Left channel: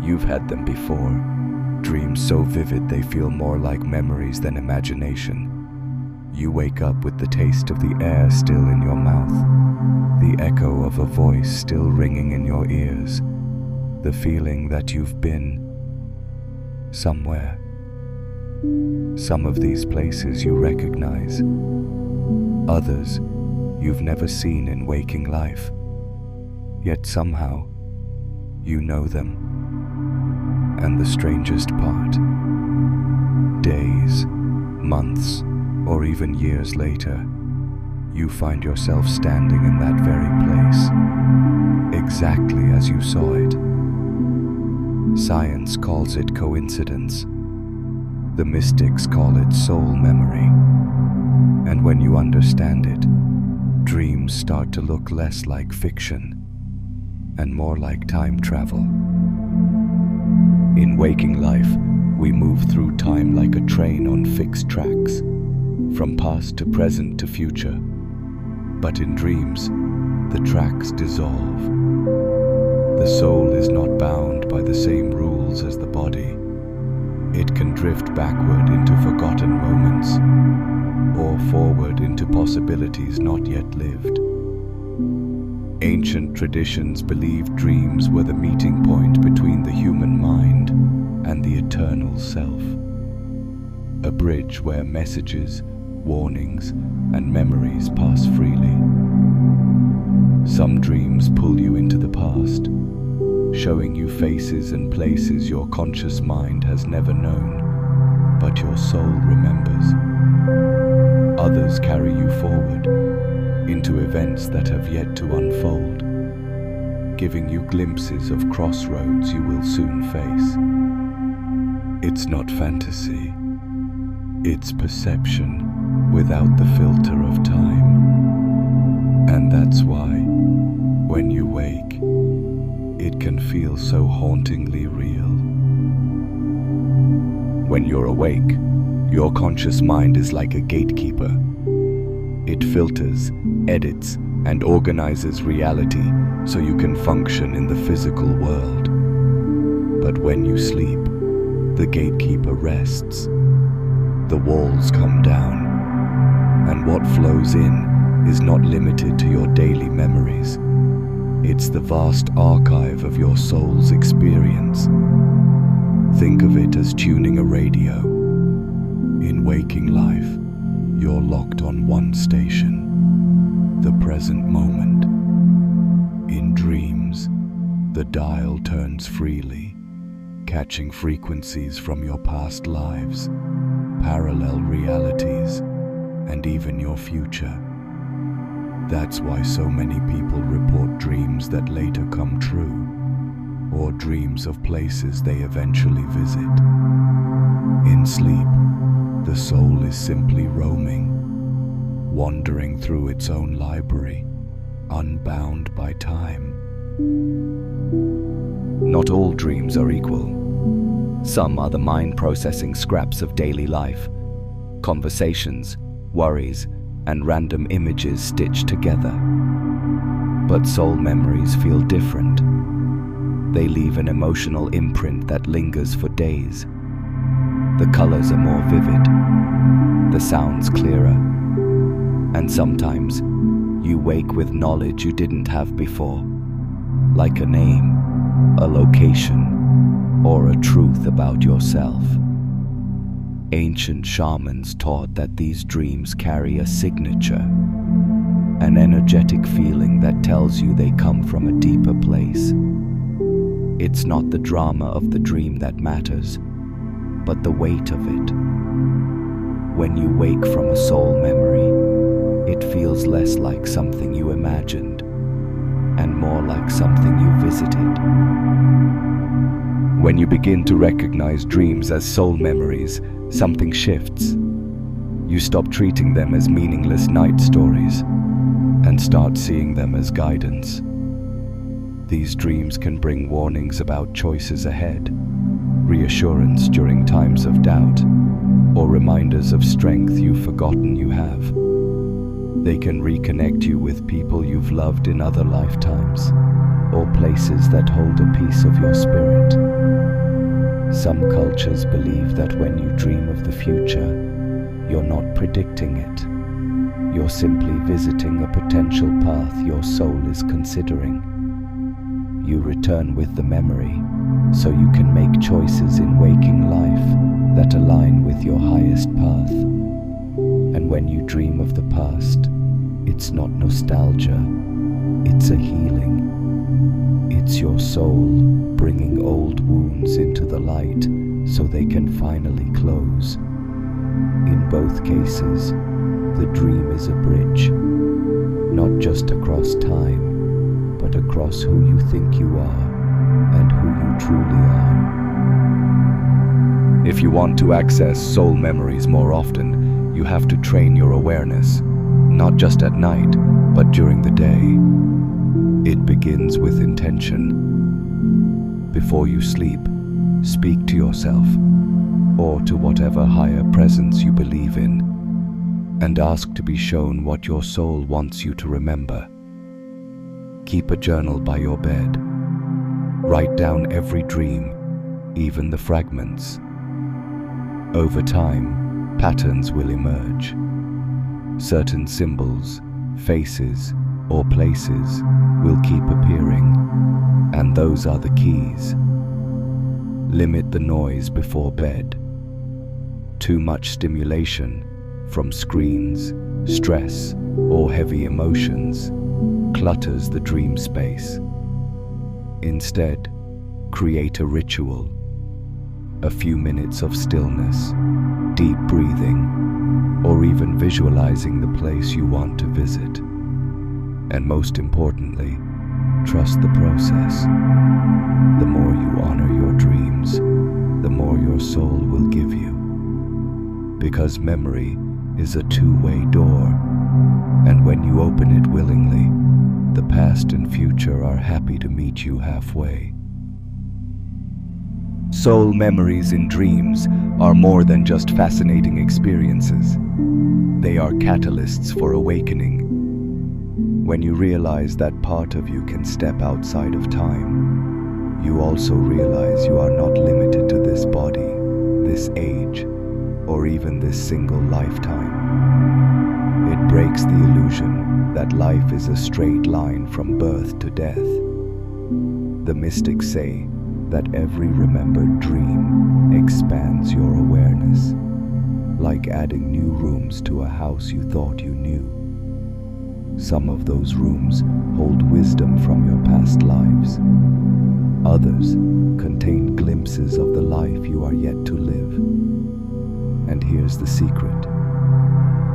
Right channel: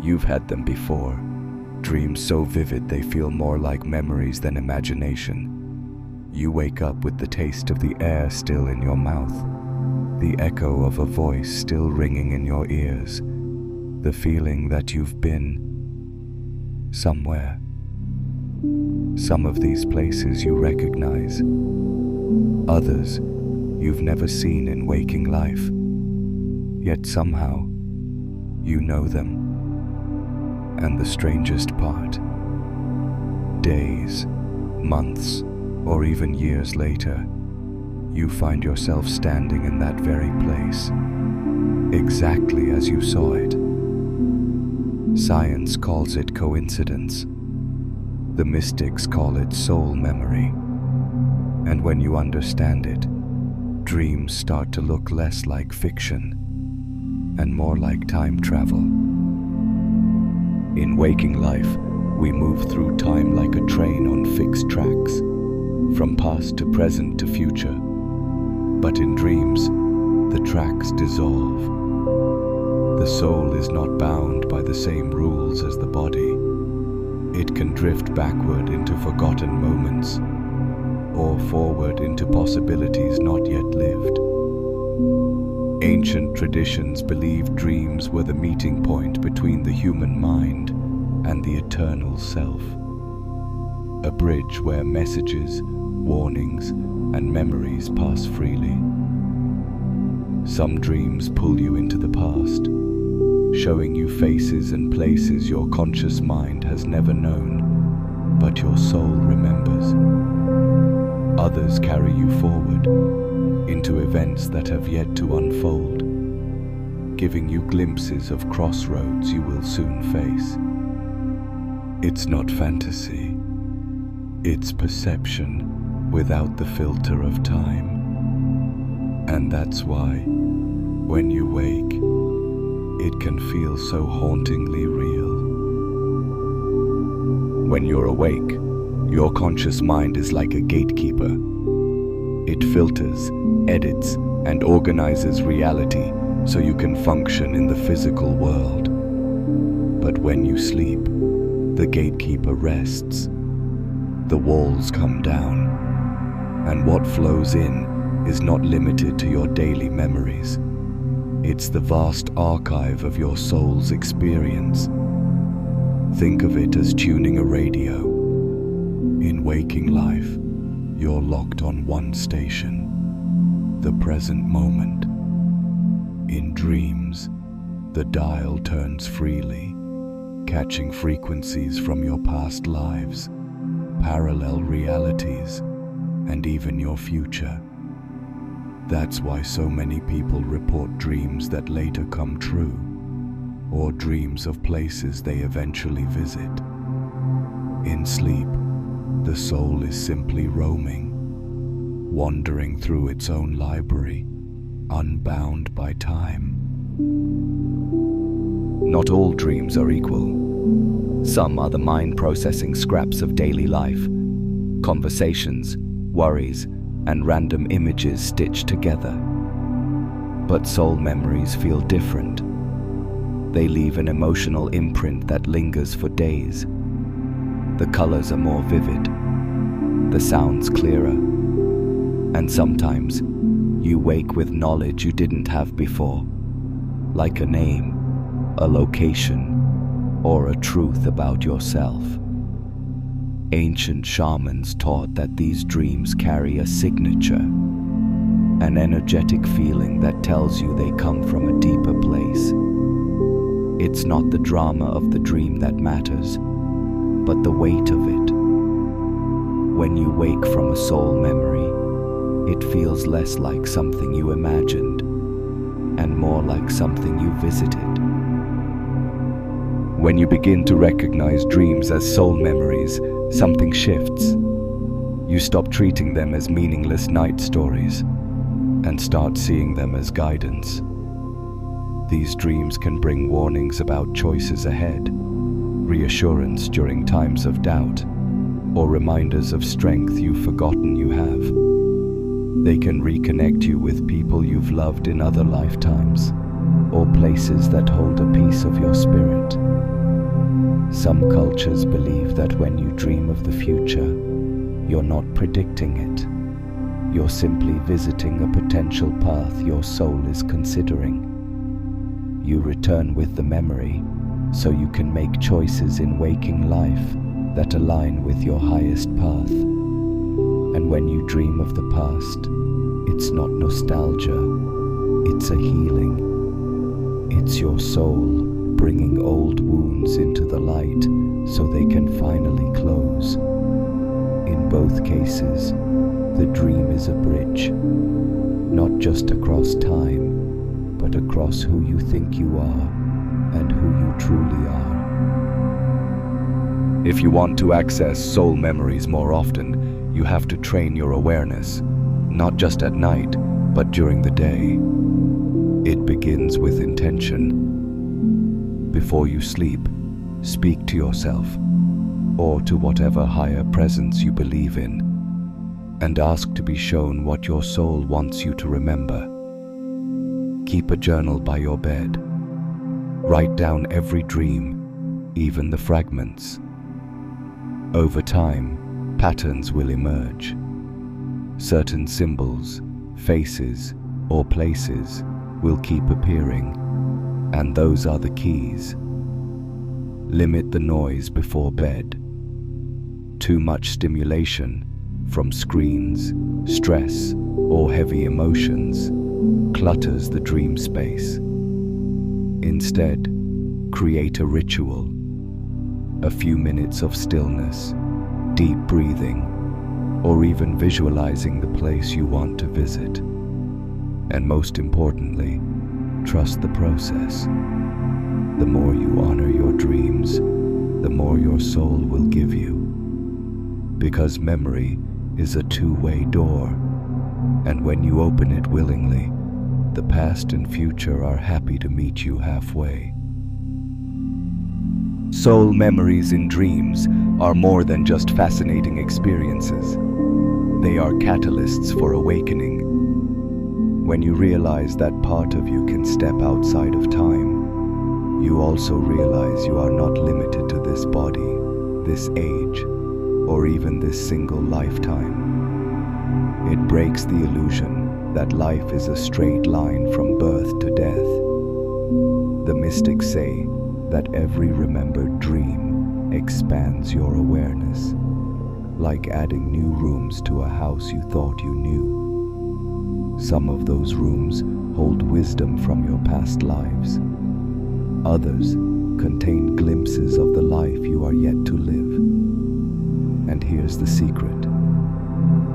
You've had them before. Dreams so vivid they feel more like memories than imagination. You wake up with the taste of the air still in your mouth, the echo of a voice still ringing in your ears, the feeling that you've been somewhere. Some of these places you recognize, others you've never seen in waking life, yet somehow you know them. And the strangest part, days, months, or even years later, you find yourself standing in that very place, exactly as you saw it. Science calls it coincidence. The mystics call it soul memory. And when you understand it, dreams start to look less like fiction and more like time travel. In waking life, we move through time like a train on fixed tracks, from past to present to future. But in dreams, the tracks dissolve. The soul is not bound by the same rules as the body. It can drift backward into forgotten moments, or forward into possibilities not yet lived. Ancient traditions believed dreams were the meeting point between the human mind and the eternal self, a bridge where messages, warnings, and memories pass freely. Some dreams pull you into the past, showing you faces and places your conscious mind has never known, but your soul remembers. Others carry you forward, into events that have yet to unfold, giving you glimpses of crossroads you will soon face. It's not fantasy, it's perception without the filter of time. And that's why, when you wake, it can feel so hauntingly real. When you're awake, your conscious mind is like a gatekeeper. It filters, edits, and organizes reality so you can function in the physical world. But when you sleep, the gatekeeper rests. The walls come down, and what flows in is not limited to your daily memories. It's the vast archive of your soul's experience. Think of it as tuning a radio. In waking life, you're locked on one station, the present moment. In dreams, the dial turns freely, catching frequencies from your past lives, parallel realities, and even your future. That's why so many people report dreams that later come true, or dreams of places they eventually visit. In sleep, the soul is simply roaming, wandering through its own library, unbound by time. Not all dreams are equal. Some are the mind processing scraps of daily life, conversations, worries, and random images stitched together. But soul memories feel different. They leave an emotional imprint that lingers for days. The colors are more vivid, the sounds clearer, and sometimes you wake with knowledge you didn't have before, like a name, a location, or a truth about yourself. Ancient shamans taught that these dreams carry a signature, an energetic feeling that tells you they come from a deeper place. It's not the drama of the dream that matters, but the weight of it. When you wake from a soul memory, it feels less like something you imagined and more like something you visited. When you begin to recognize dreams as soul memories, something shifts. You stop treating them as meaningless night stories and start seeing them as guidance. These dreams can bring warnings about choices ahead, reassurance during times of doubt, or reminders of strength you've forgotten you have. They can reconnect you with people you've loved in other lifetimes, or places that hold a piece of your spirit. Some cultures believe that when you dream of the future, you're not predicting it. You're simply visiting a potential path your soul is considering. You return with the memory, so you can make choices in waking life that align with your highest path. And when you dream of the past, it's not nostalgia, it's a healing. It's your soul bringing old wounds into the light so they can finally close. In both cases, the dream is a bridge, not just across time, but across who you think you are and who you truly are. If you want to access soul memories more often, you have to train your awareness, not just at night, but during the day. It begins with intention. Before you sleep, speak to yourself, or to whatever higher presence you believe in, and ask to be shown what your soul wants you to remember. Keep a journal by your bed. Write down every dream, even the fragments. Over time, patterns will emerge. Certain symbols, faces, or places will keep appearing, and those are the keys. Limit the noise before bed. Too much stimulation from screens, stress, or heavy emotions clutters the dream space. Instead, create a ritual. A few minutes of stillness, deep breathing, or even visualizing the place you want to visit. And most importantly, trust the process. The more you honor your dreams, the more your soul will give you. Because memory is a two-way door, and when you open it willingly, the past and future are happy to meet you halfway. Soul memories in dreams are more than just fascinating experiences. They are catalysts for awakening. When you realize that part of you can step outside of time, you also realize you are not limited to this body, this age, or even this single lifetime. It breaks the illusion that life is a straight line from birth to death. The mystics say that every remembered dream expands your awareness, like adding new rooms to a house you thought you knew. Some of those rooms hold wisdom from your past lives. Others contain glimpses of the life you are yet to live. And here's the secret.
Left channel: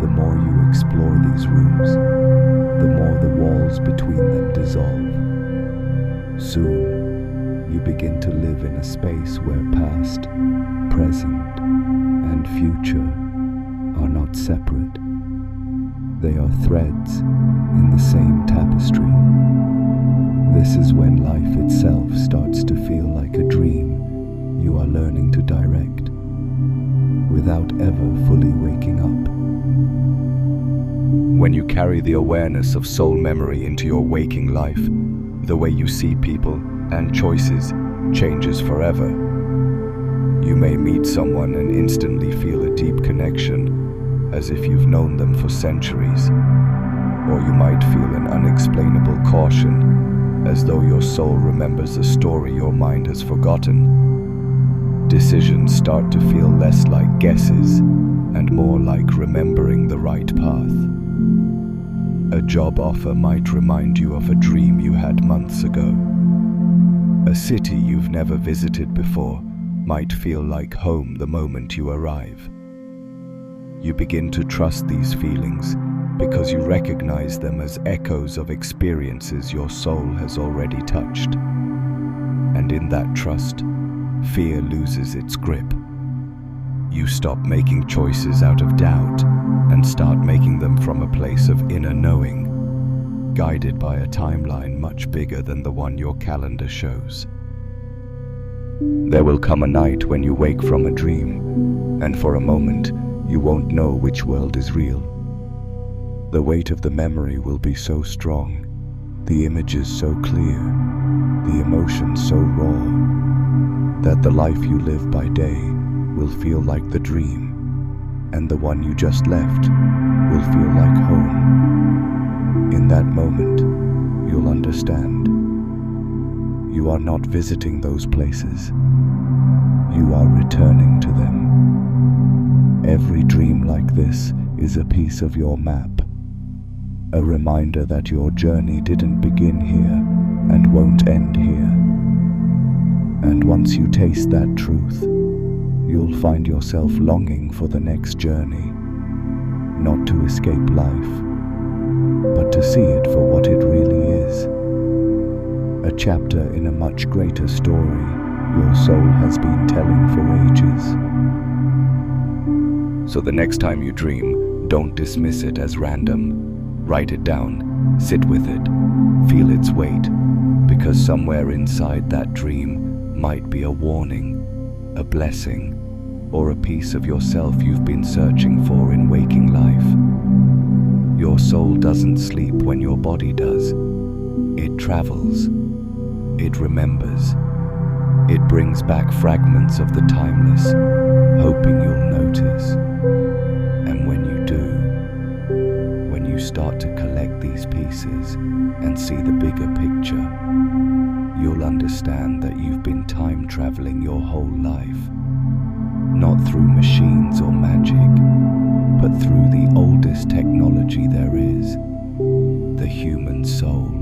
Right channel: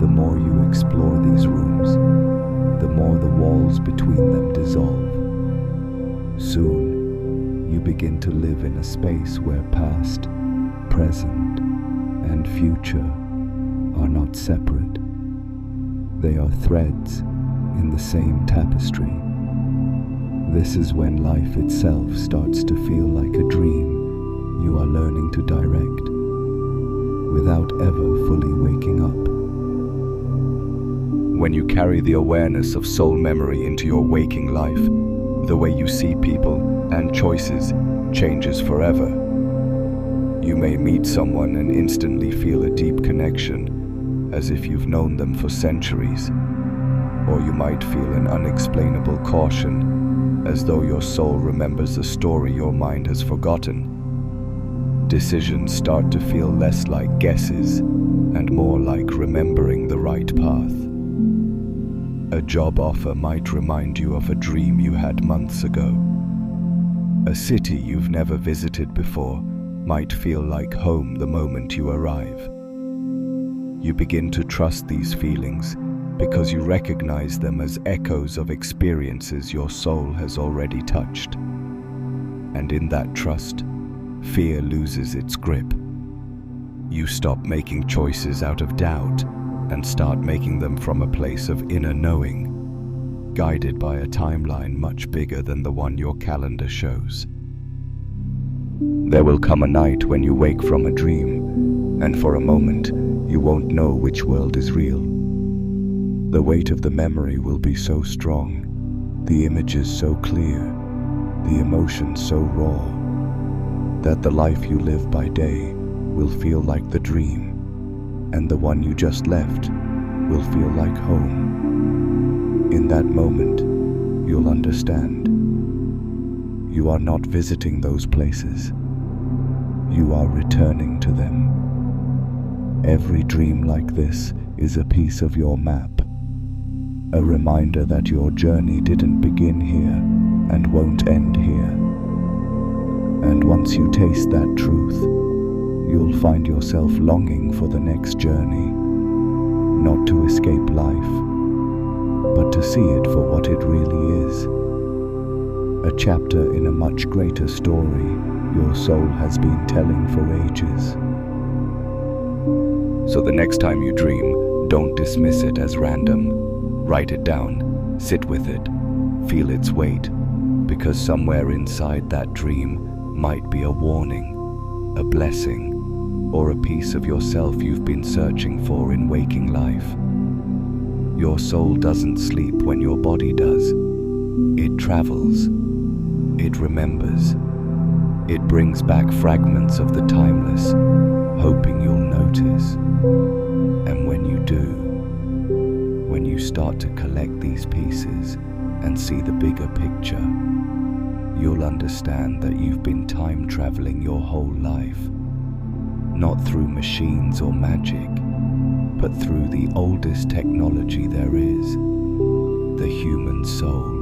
The more you explore these rooms, the more the walls between them dissolve. Soon, you begin to live in a space where past, present, and future are not separate. They are threads in the same tapestry. This is when life itself starts to feel like a dream you are learning to direct, without ever fully waking up. When you carry the awareness of soul memory into your waking life, the way you see people and choices changes forever. You may meet someone and instantly feel a deep connection, as if you've known them for centuries. Or you might feel an unexplainable caution, as though your soul remembers a story your mind has forgotten. Decisions start to feel less like guesses and more like remembering the right path. A job offer might remind you of a dream you had months ago. A city you've never visited before might feel like home the moment you arrive. You begin to trust these feelings because you recognize them as echoes of experiences your soul has already touched. And in that trust, fear loses its grip. You stop making choices out of doubt and start making them from a place of inner knowing, guided by a timeline much bigger than the one your calendar shows. There will come a night when you wake from a dream, and for a moment, you won't know which world is real. The weight of the memory will be so strong, the images so clear, the emotions so raw, that the life you live by day will feel like the dream, and the one you just left will feel like home. In that moment, you'll understand. You are not visiting those places. You are returning to them. Every dream like this is a piece of your map, a reminder that your journey didn't begin here and won't end here. And once you taste that truth, you'll find yourself longing for the next journey, not to escape life, but to see it for what it really is. A chapter in a much greater story your soul has been telling for ages. So the next time you dream, don't dismiss it as random. Write it down, sit with it, feel its weight, because somewhere inside that dream might be a warning, a blessing, or a piece of yourself you've been searching for in waking life. Your soul doesn't sleep when your body does. It travels. It remembers. It brings back fragments of the timeless, hoping you'll notice. And when you do, when you start to collect these pieces and see the bigger picture, you'll understand that you've been time traveling your whole life, not through machines or magic, but through the oldest technology there is, the human soul.